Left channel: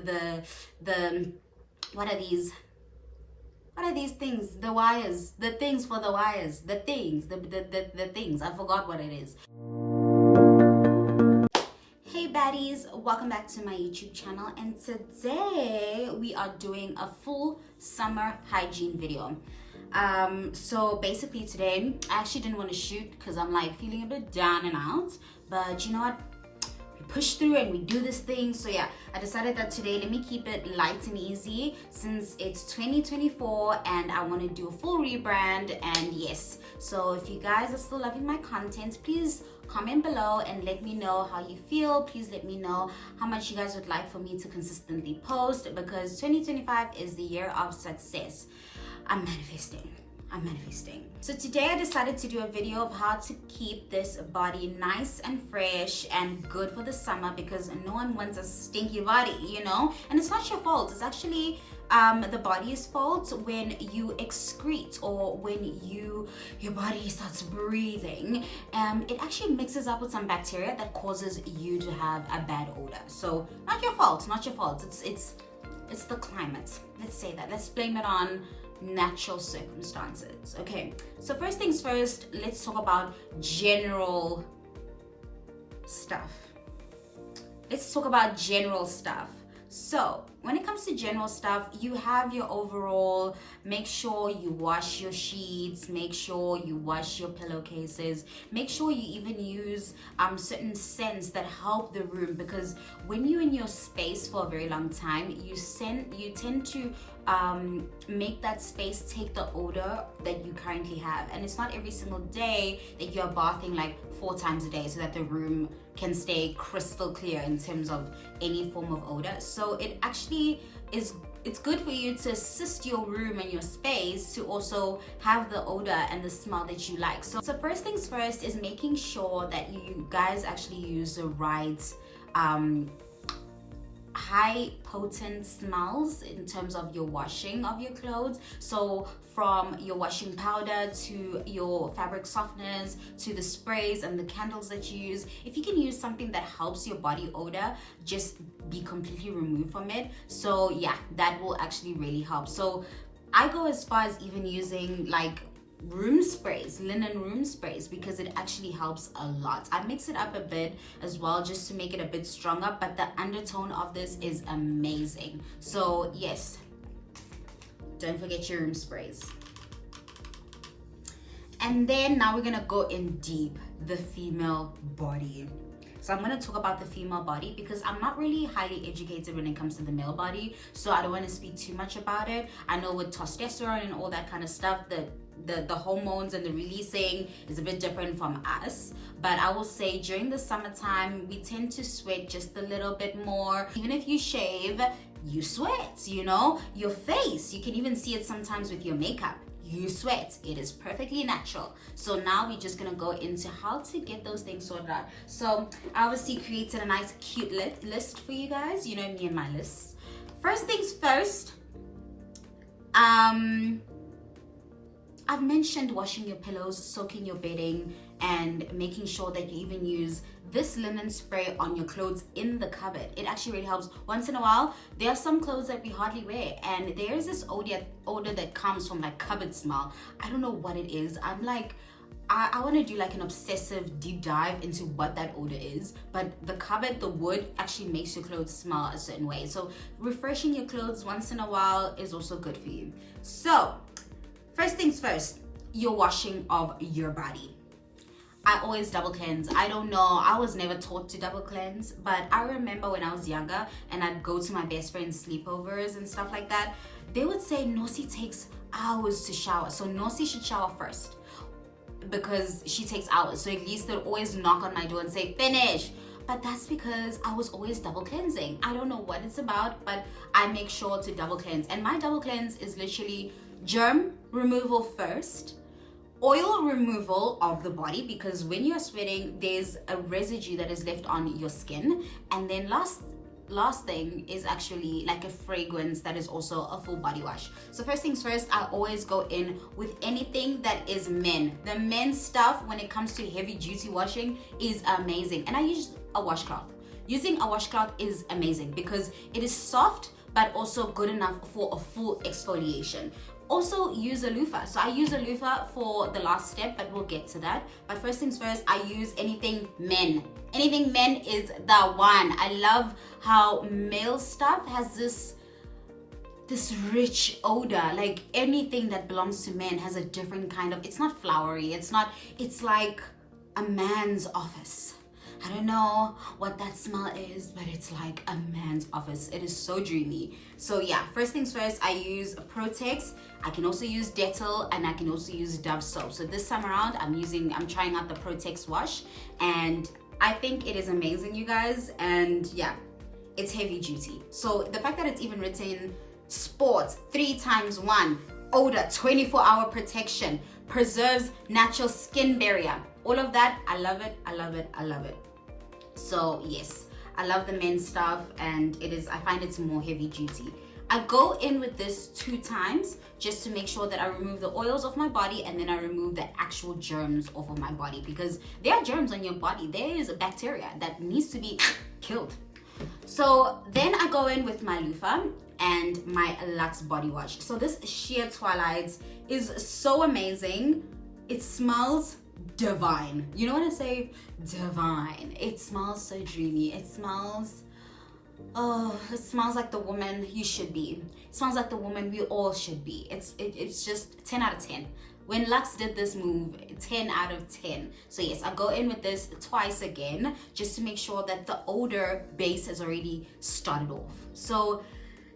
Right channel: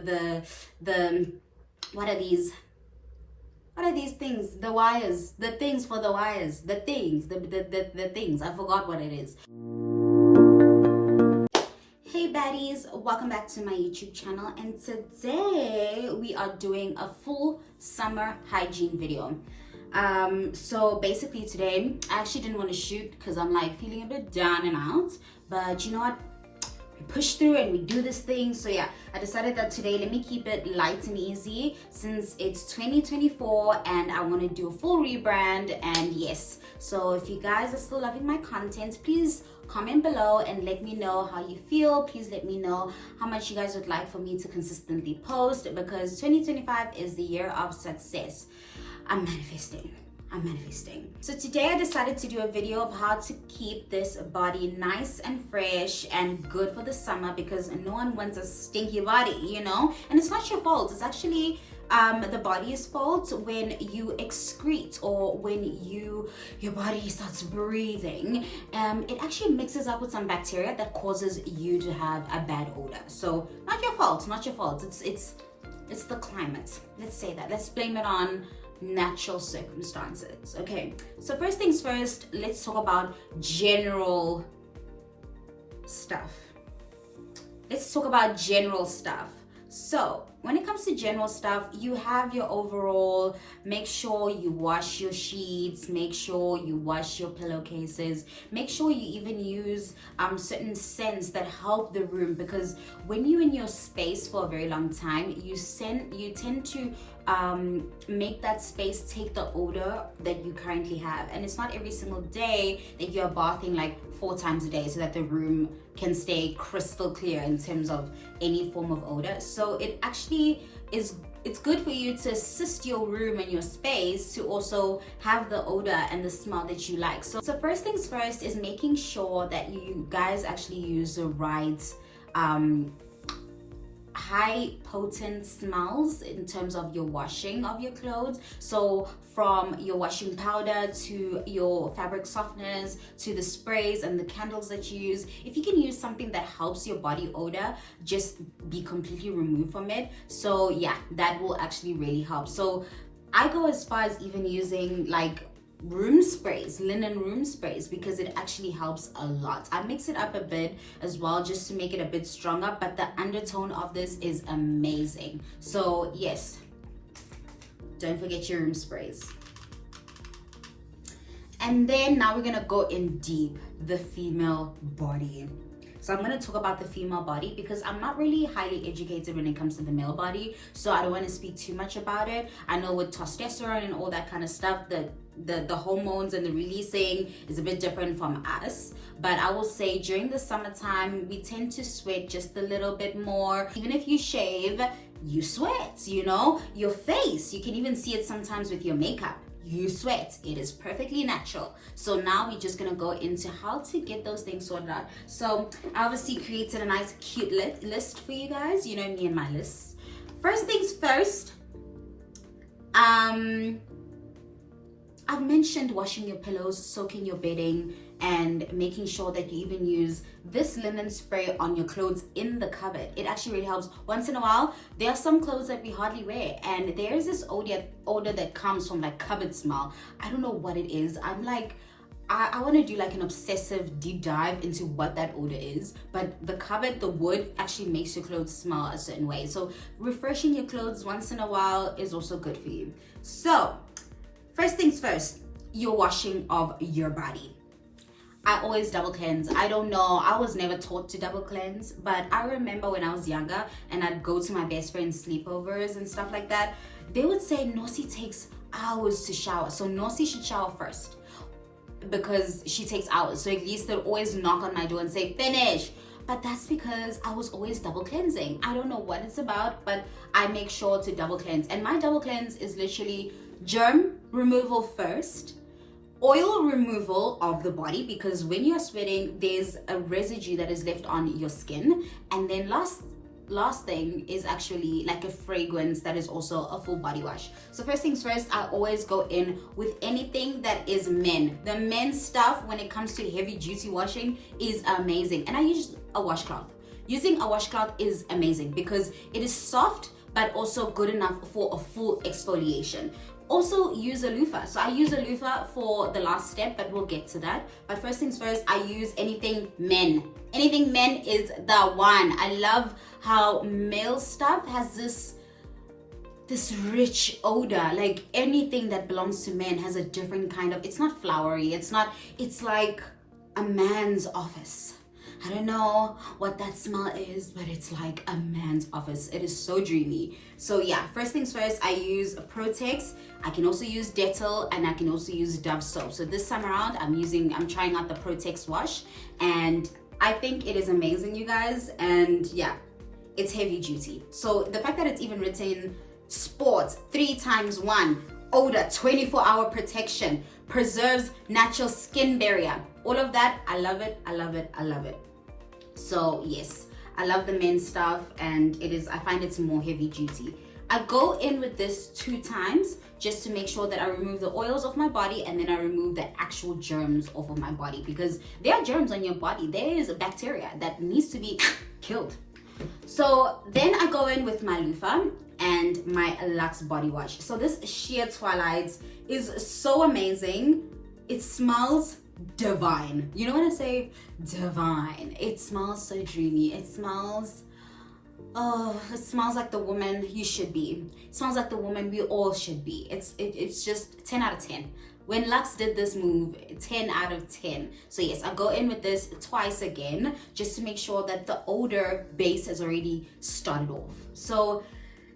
the what are these? What are these things? The wires, the things for the wires, the things, the things. I forgot what it is. Hey baddies, welcome back to my YouTube channel, and today we are doing a full summer hygiene video. So basically today I actually didn't want to shoot because I'm like feeling a bit down and out, but you know what, we push through and we do this thing. So yeah, I decided that today let me keep it light and easy since it's 2024 and I want to do a full rebrand. And yes, so if you guys are still loving my content, please comment below and let me know how you feel. Please let me know how much you guys would like for me to consistently post, because 2025 is the year of success. I'm manifesting. So today I decided to do a video of how to keep this body nice and fresh and good for the summer, because no one wants a stinky body, you know? And it's not your fault. It's actually the body's fault when you excrete or when your body starts breathing. It actually mixes up with some bacteria that causes you to have a bad odor. So not your fault. It's the climate. Let's say that. Let's blame it on natural circumstances. Okay, so first things first, let's talk about general stuff. So when it comes to general stuff, you have your overall, make sure you wash your sheets, make sure you wash your pillowcases, make sure you even use certain scents that help the room, because when you're in your space for a very long time, you tend to make that space take the odor that you currently have. And it's not every single day that you're bathing like 4 times a day so that the room can stay crystal clear in terms of any form of odor. So it actually it's good for you to assist your room and your space to also have the odor and the smell that you like. So first things first is making sure that you guys actually use the right high potent smells in terms of your washing of your clothes. So from your washing powder to your fabric softeners to the sprays and the candles that you use, if you can use something that helps your body odor just be completely removed from it, so yeah, that will actually really help. So I go as far as even using like room sprays, linen room sprays, because it actually helps a lot. I mix it up a bit as well just to make it a bit stronger, but the undertone of this is amazing. So yes, don't forget your room sprays. And then now we're gonna go in deep, the female body. So I'm going to talk about the female body because I'm not really highly educated when it comes to the male body, so I don't want to speak too much about it. I know with testosterone and all that kind of stuff, the hormones and the releasing is a bit different from us. But I will say during the summertime, we tend to sweat just a little bit more. Even if you shave, you sweat, you know? Your face, you can even see it sometimes with your makeup. You sweat. It is perfectly natural. So now we're just gonna go into how to get those things sorted out. So I obviously created a nice cute list for you guys. You know me and my lists. First things first, I've mentioned washing your pillows, soaking your bedding, and making sure that you even use this linen spray on your clothes in the cupboard. It actually really helps. Once in a while, there are some clothes that we hardly wear, and there's this odor that comes from like cupboard smell. I don't know what it is. I'm like, I want to do like an obsessive deep dive into what that odor is, but the cupboard, the wood actually makes your clothes smell a certain way. So refreshing your clothes once in a while is also good for you. So first things first, your washing of your body. I always double cleanse. I don't know, I was never taught to double cleanse, but I remember when I was younger and I'd go to my best friend's sleepovers and stuff like that, they would say Nosi takes hours to shower, so Nosi should shower first because she takes hours. So at least they'll always knock on my door and say finish. But that's because I was always double cleansing. I don't know what it's about, but I make sure to double cleanse. And my double cleanse is literally germ removal first, oil removal of the body, because when you're sweating there's a residue that is left on your skin, and then last thing is actually like a fragrance that is also a full body wash. So first things first, I always go in with anything that is men. The men's stuff when it comes to heavy duty washing is amazing, and I use a washcloth. using a washcloth is amazing because it is soft but also good enough for a full exfoliation. Also use a loofah. So I use a loofah for the last step, but we'll get to that. But first things first, I use anything men. Anything men is the one. I love how male stuff has this rich odor. Like anything that belongs to men has a different kind of, it's not flowery, it's like a man's office. I don't know what that smell is, but it's like a man's office. It is so dreamy. So yeah, first things first, I use Protex. I can also use Dettol, and I can also use Dove soap. So this time around, I'm trying out the Protex wash, and I think it is amazing, you guys. And yeah, it's heavy duty. So the fact that it's even written sports 3x1 odor 24-hour protection, preserves natural skin barrier, all of that, I love it. I love it. I love it. So yes, I love the men's stuff, and I find it's more heavy duty. I go in with this 2 times just to make sure that I remove the oils off my body, and then I remove the actual germs off of my body, because there are germs on your body. There is a bacteria that needs to be killed. So then I go in with my loofah and my Lux body wash. So this Sheer Twilight is so amazing. It smells divine. You know when I say divine, it smells so dreamy. It smells like the woman you should be. It smells like the woman we all should be. It's just 10 out of 10. When Lux did this move, 10 out of 10. So yes, I go in with this twice again just to make sure that the odor base has already started off. So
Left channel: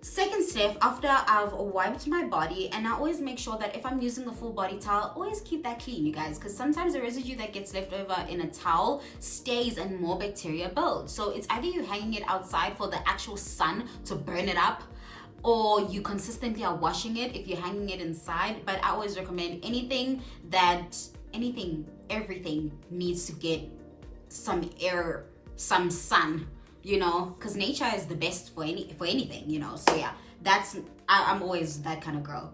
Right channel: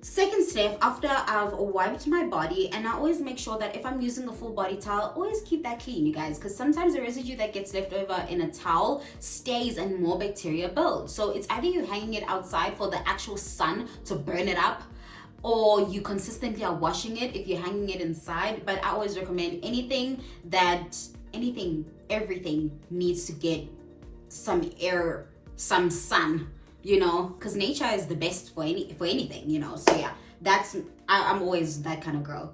second step, after I've wiped my body, and I always make sure that if I'm using a full body towel, always keep that clean, you guys, because sometimes the residue that gets left over in a towel stays and more bacteria builds. So it's either you hanging it outside for the actual sun to burn it up, or you consistently are washing it if you're hanging it inside. But I always recommend everything needs to get some air, some sun, you know, because nature is the best for anything, you know. So yeah, I'm always that kind of girl.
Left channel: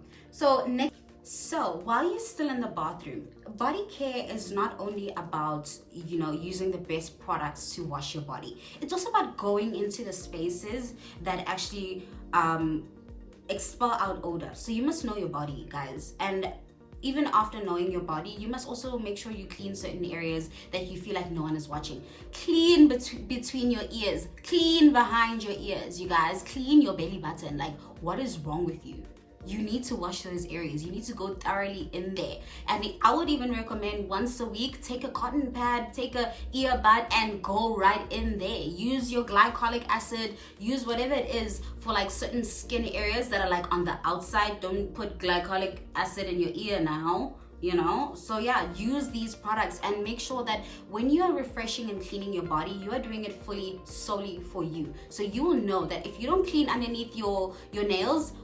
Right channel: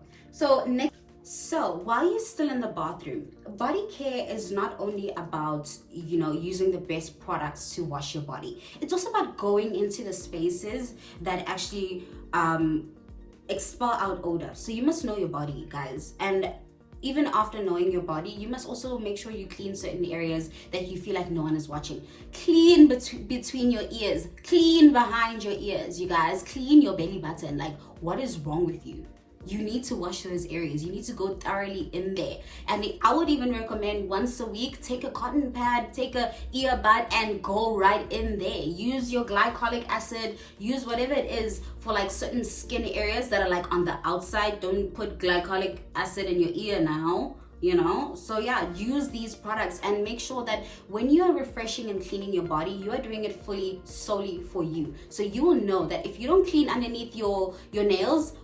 So while you're still in the bathroom, body care is not only about, you know, using the best products to wash your body. It's also about going into the spaces that actually expel out odor. So you must know your body, guys. And even after knowing your body, you must also make sure you clean certain areas that you feel like no one is watching. Clean between your ears, clean behind your ears, you guys. Clean your belly button. Like, what is wrong with you? You need to wash those areas. You need to go thoroughly in there. And I would even recommend once a week, take a cotton pad, take a earbud, and go right in there. Use your glycolic acid, use whatever it is for like certain skin areas that are like on the outside. Don't put glycolic acid in your ear now, you know. So yeah, use these products and make sure that when you are refreshing and cleaning your body, you are doing it solely for you. So you will know that if you don't clean underneath your nails,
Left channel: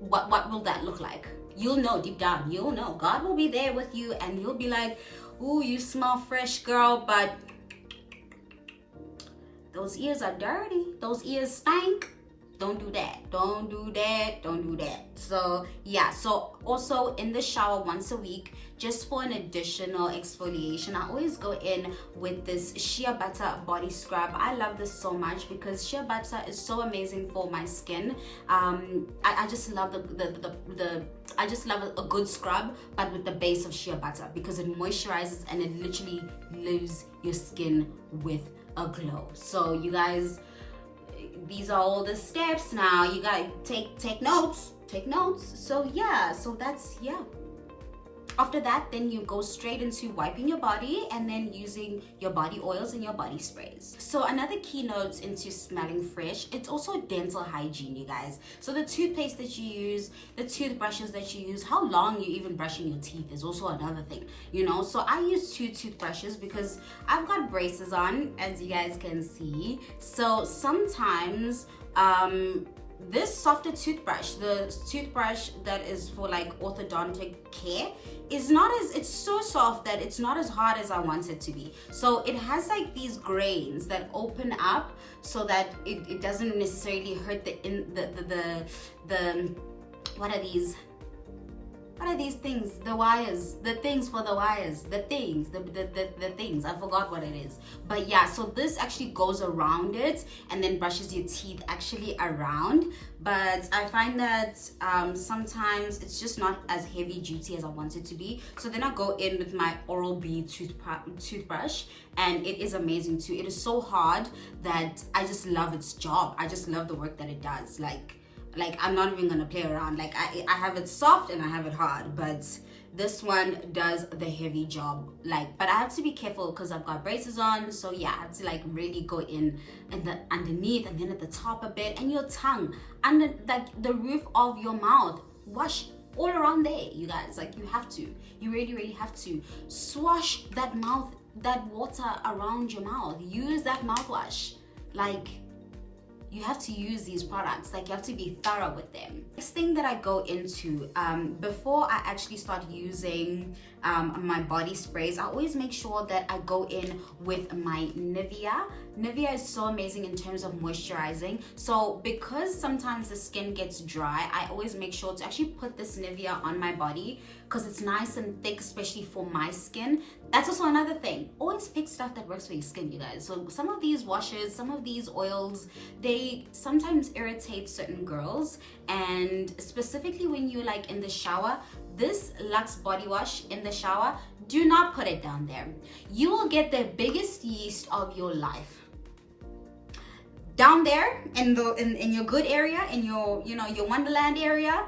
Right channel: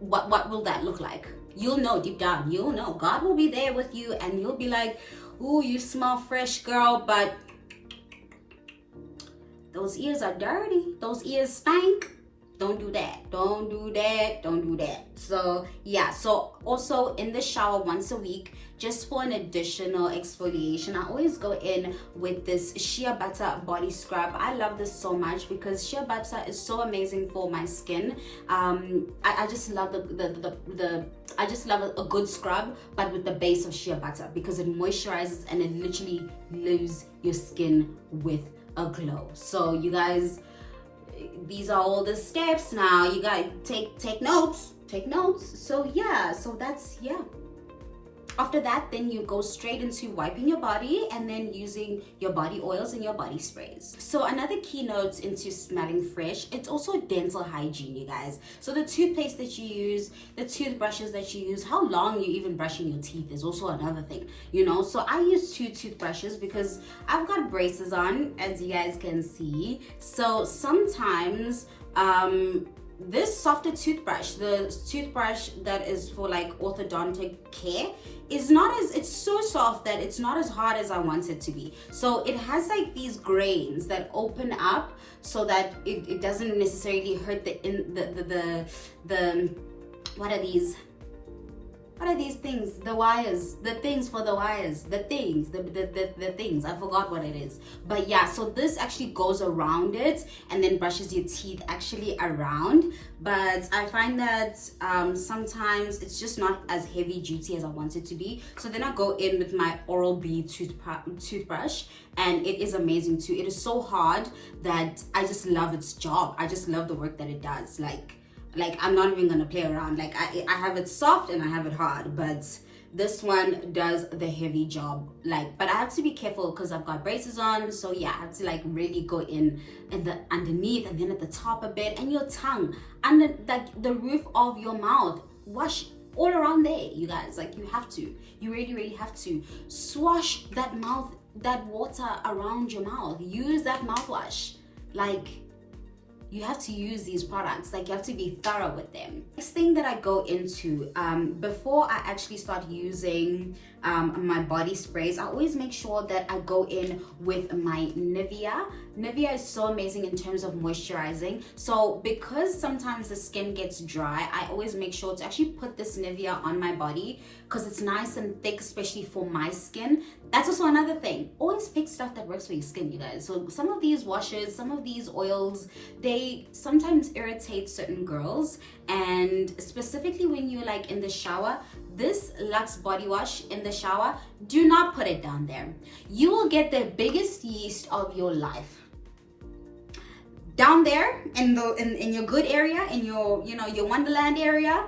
what will that look like? You'll know deep down. You'll know. God will be there with you, and you'll be like, ooh, you smell fresh, girl, but those ears are dirty. Those ears stink. Don't do that. Don't do that. Don't do that. So yeah, so also in the shower once a week, just for an additional exfoliation, I always go in with this shea butter body scrub. I love this so much because shea butter is so amazing for my skin. I just love I just love a good scrub, but with the base of shea butter, because it moisturizes and it literally leaves your skin with a glow. So you guys, these are all the steps now. You gotta take notes. So yeah, so that's, yeah. After that, then you go straight into wiping your body and then using your body oils and your body sprays. So another key note into smelling fresh, it's also dental hygiene, you guys. So the toothpaste that you use, the toothbrushes that you use, how long you're even brushing your teeth is also another thing, you know. So I use 2 toothbrushes because I've got braces on, as you guys can see. So sometimes this softer toothbrush, the toothbrush that is for like orthodontic care, it's so soft that it's not as hard as I want it to be. So it has like these grains that open up so that it doesn't necessarily hurt the what are these? what are these things? The wires, the things for the wires, the things, the things. I forgot what it is. But yeah, so this actually goes around it and then brushes your teeth actually around. But I find that sometimes it's just not as heavy duty as I want it to be. So then I go in with my Oral-B toothbrush, and it is amazing too. It is so hard that I just love its job. I just love the work that it does. Like I'm not even gonna play around. Like I have it soft and I have it hard, but this one does the heavy job. Like, but I have to be careful because I've got braces on. So yeah, I have to like really go in the underneath and then at the top a bit, and your tongue, and like the roof of your mouth. Wash all around there, you guys. Like you have to, you really have to swash that water around your mouth. Use that mouthwash. Like, you have to use these products. Like, you have to be thorough with them. Next thing that I go into, before I actually start using my body sprays, I always make sure that I go in with my Nivea. Nivea is so amazing in terms of moisturizing. So because sometimes the skin gets dry, I always make sure to actually put this Nivea on my body because it's nice and thick, especially for my skin. That's also another thing. Always pick stuff that works for your skin, you guys. So some of these washes, some of these oils, they sometimes irritate certain girls. And specifically when you're like in the shower, this Lux body wash in the shower, do not put it down there. You will get the biggest yeast of your life. Down there in your good area, in your your Wonderland area,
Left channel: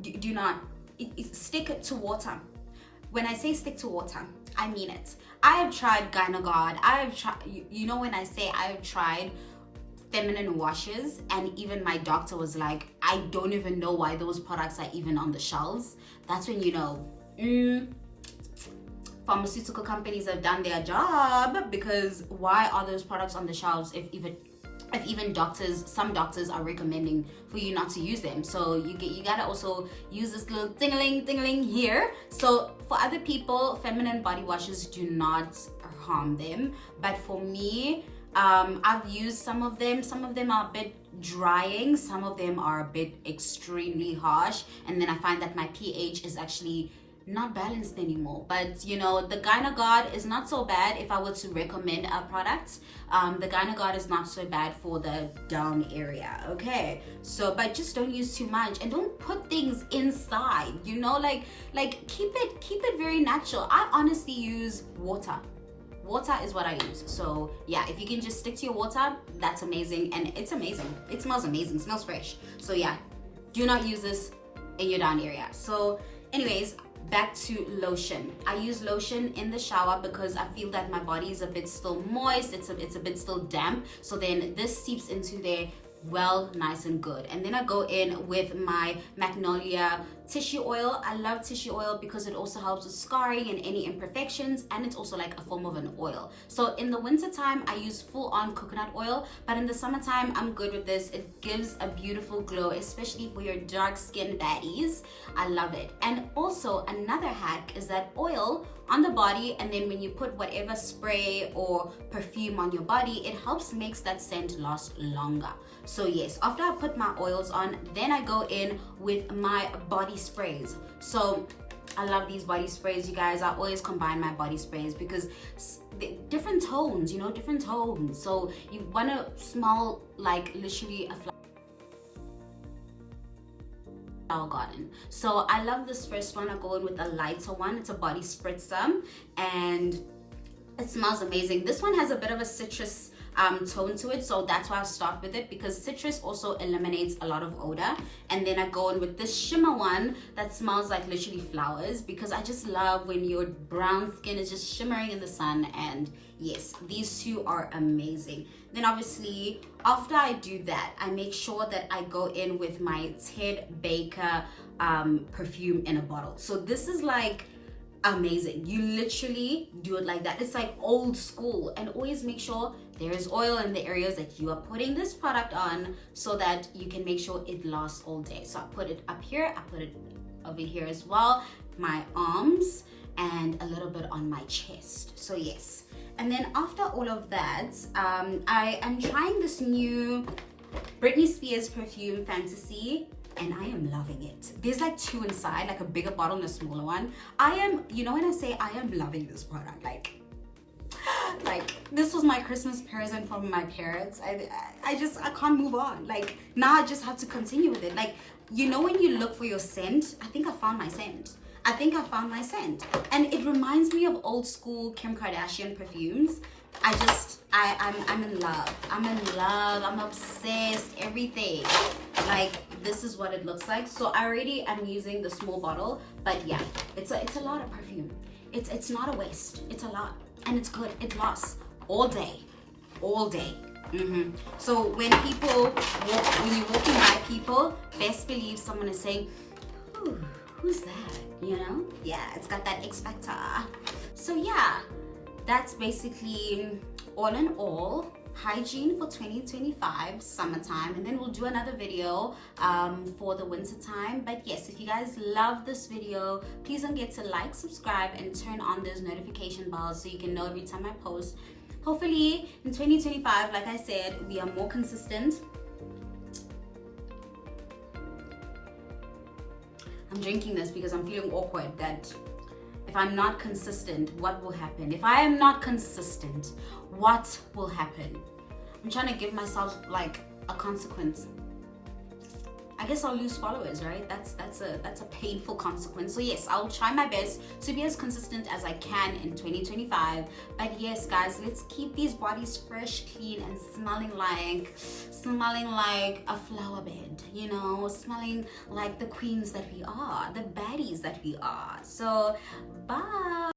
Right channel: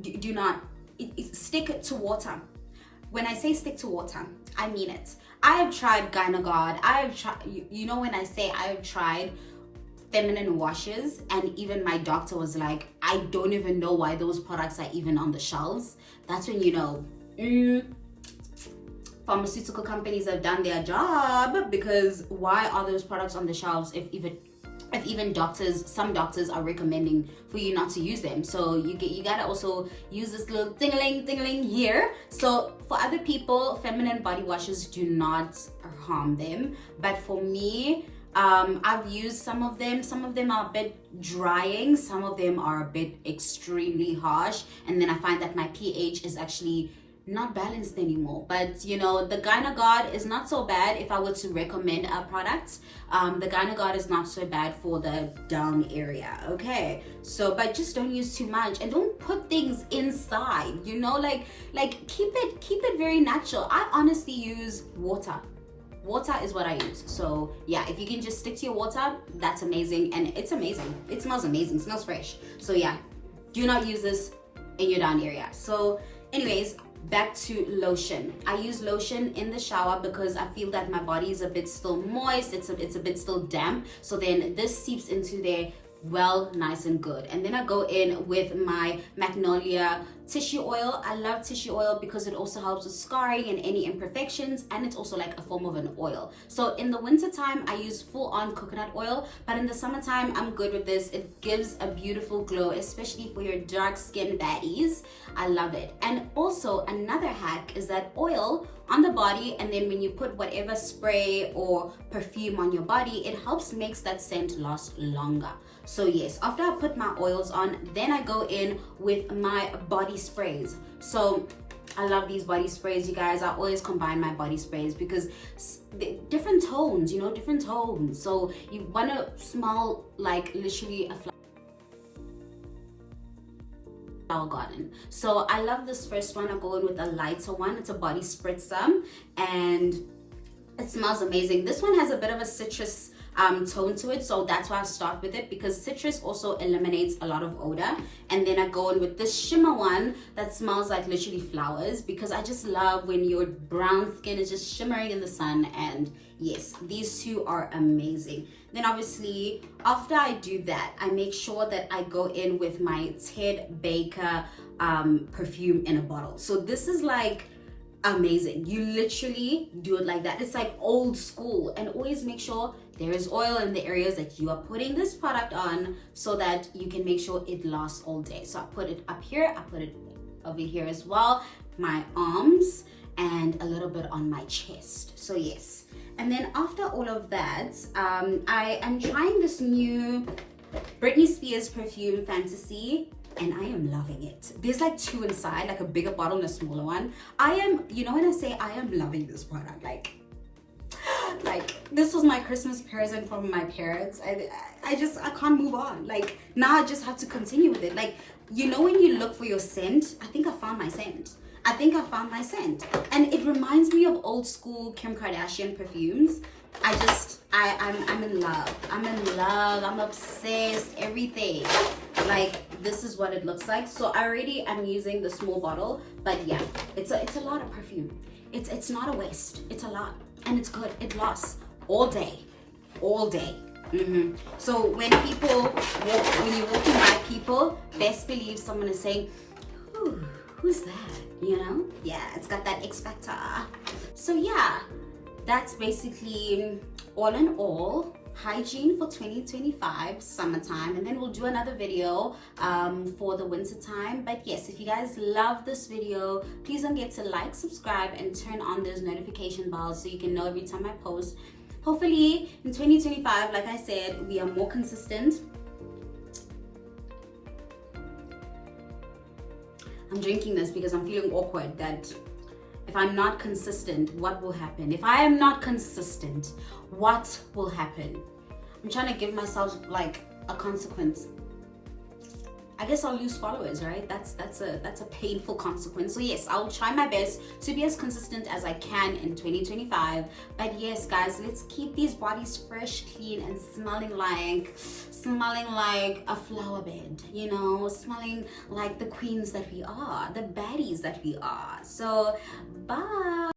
do not stick to water. When I say stick to water, I mean it. I have tried Gynagod. I have tried, when I say I have tried feminine washes, and even my doctor was like, I don't even know why those products are even on the shelves. That's when pharmaceutical companies have done their job, because why are those products on the shelves if even some doctors are recommending for you not to use them? So you gotta also use this little ding-a-ling here. So for other people, feminine body washes do not harm them, but for me, I've used some of them. Some of them are a bit drying, some of them are a bit extremely harsh, and then I find that my pH is actually not balanced anymore. But the Gynagod is not so bad. If I were to recommend a product, the Gynagod is not so bad for the down area. Okay, so but just don't use too much, and don't put things inside, like keep it very natural. I honestly use water is what I use. So yeah, if you can just stick to your water, that's amazing. And it's amazing, it smells amazing, smells fresh. So yeah, do not use this in your down area. So anyways, back to lotion. I use lotion in the shower because I feel that my body is a bit still moist, it's a bit still damp, so then this seeps into there well, nice and good. And then I go in with my Magnolia tissue oil. I love tissue oil because it also helps with scarring and any imperfections, and it's also like a form of an oil. So in the winter time I use full-on coconut oil, but in the summertime I'm good with this. It gives a beautiful glow, especially for your dark skin baddies. I love it. And also another hack is that oil on the body, and then when you put whatever spray or perfume on your body, it helps makes that scent last longer. So yes, after I put my oils on, then I go in with my body sprays. So I love these body sprays, you guys. I always combine my body sprays because different tones, different tones. So you want to smell like literally a flower garden. So I love this first one. I go in with a lighter one. It's a body spritzer and it smells amazing. This one has a bit of a citrus tone to it, so that's why I start with it, because citrus also eliminates a lot of odor. And then I go in with this shimmer one that smells like literally flowers, because I just love when your brown skin is just shimmering in the sun. And yes, these two are amazing. Then obviously after I do that, I make sure that I go in with my Ted Baker perfume in a bottle. So this is like amazing. You literally do it like that. It's like old school. And always make sure there is oil in the areas that you are putting this product on, so that you can make sure it lasts all day. So I put it up here, I put it over here as well, my arms, and a little bit on my chest. So yes. And then after all of that, I am trying this new Britney Spears perfume, Fantasy. and I am loving it. There's like two inside, like a bigger bottle and a smaller one. I am, you know, when I say I am loving this product, like this was my Christmas present from my parents. I can't move on. Like now I just have to continue with it. Like, you know, when you look for your scent, I think I found my scent. And it reminds me of old school Kim Kardashian perfumes. I'm in love. I'm obsessed. Everything. Like, this is what it looks like. So I already am using the small bottle, but yeah, it's a lot of perfume. It's not a waste. It's a lot, and it's good. It lasts all day. So when you're walking by people, best believe someone is saying, "Ooh, who's that?" You know? Yeah, it's got that X factor. So yeah, that's basically all in all hygiene for 2025 summertime, and then we'll do another video for the winter time. But yes, if you guys love this video, please don't forget to like, subscribe, and turn on those notification bells so you can know every time I post. Hopefully in 2025, like I said, we are more consistent. I'm drinking this because I'm feeling awkward that if I'm not consistent, what will happen? If I am not consistent, what will happen? I'm trying to give myself like a consequence. I guess I'll lose followers, right? That's a painful consequence. So yes, I'll try my best to be as consistent as I can in 2025. But yes, guys, let's keep these bodies fresh, clean, and smelling like a flower bed, you know, smelling like the queens that we are, the baddies that we are. So bye.